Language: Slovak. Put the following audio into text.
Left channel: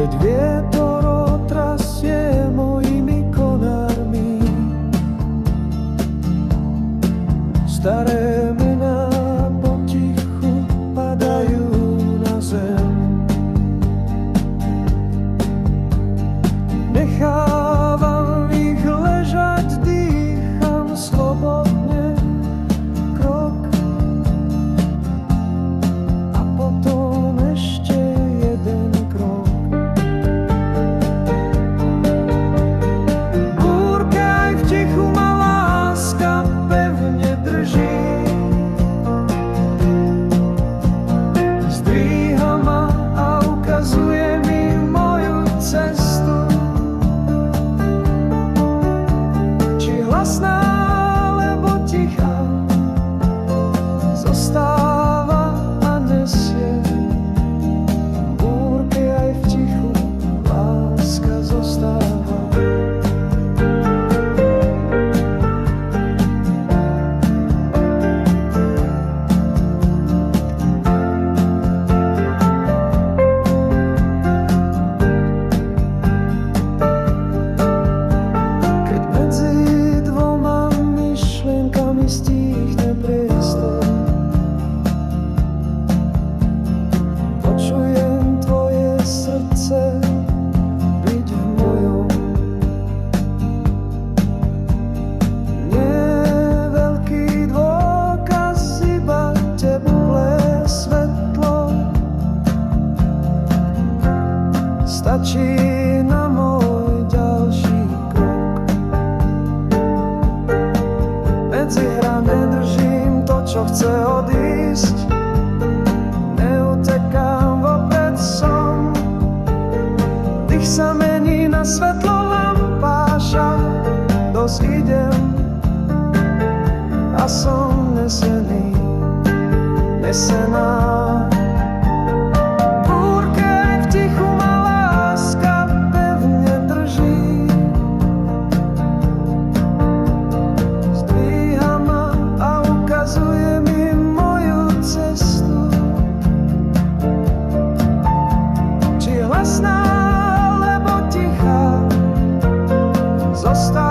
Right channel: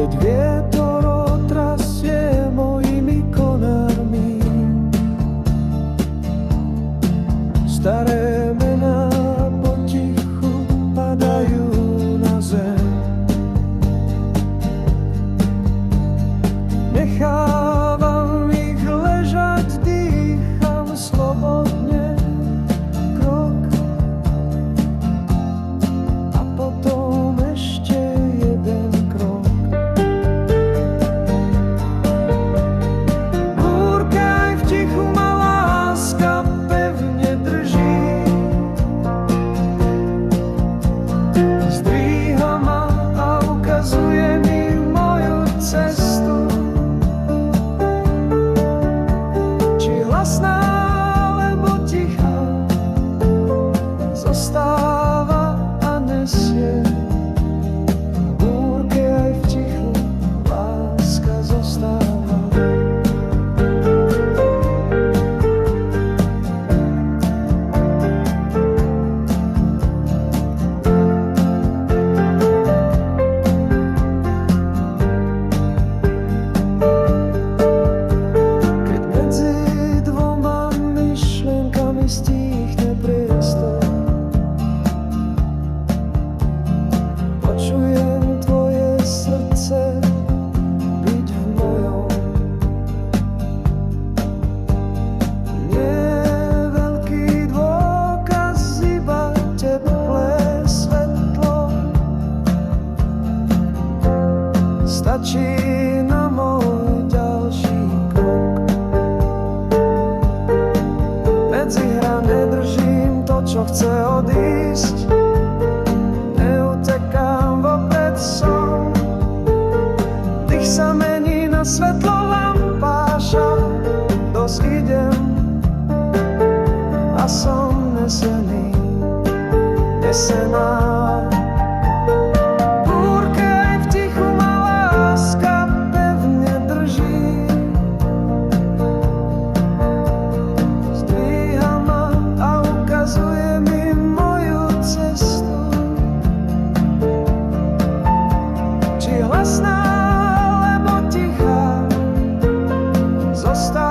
keď vietor otrasie mojimi konármi. Staré mená potichu padajú na zem. Nechávam ich ležať, dýcham slobodne krok a potom ešte jeden krok. Búrke aj v tichu ma láska pevne drží. Zdvíha ma a ukazuje mi moju cestu. Či hlasná, alebo tichá, zostáva a nesie. V búrke aj v tichu láska zostáva. Keď medzi dvoma myšlienkami stíchne priestor, počujem tvoje srdce byť v mojom. Nie veľký dôkaz, iba teplé svetlo. Stačí na môj ďalší krok. Medzi hra nedržím to, čo chce odísť. Neutekám, vopred som. Dých sa mení na svetlo lampáša. Dosť idem a som nesený, nesená. V búrke aj v tichu ma láska pevne drží. Zdvíha ma a ukazuje mi moju cestu. Či hlasná, alebo tichá, zostáva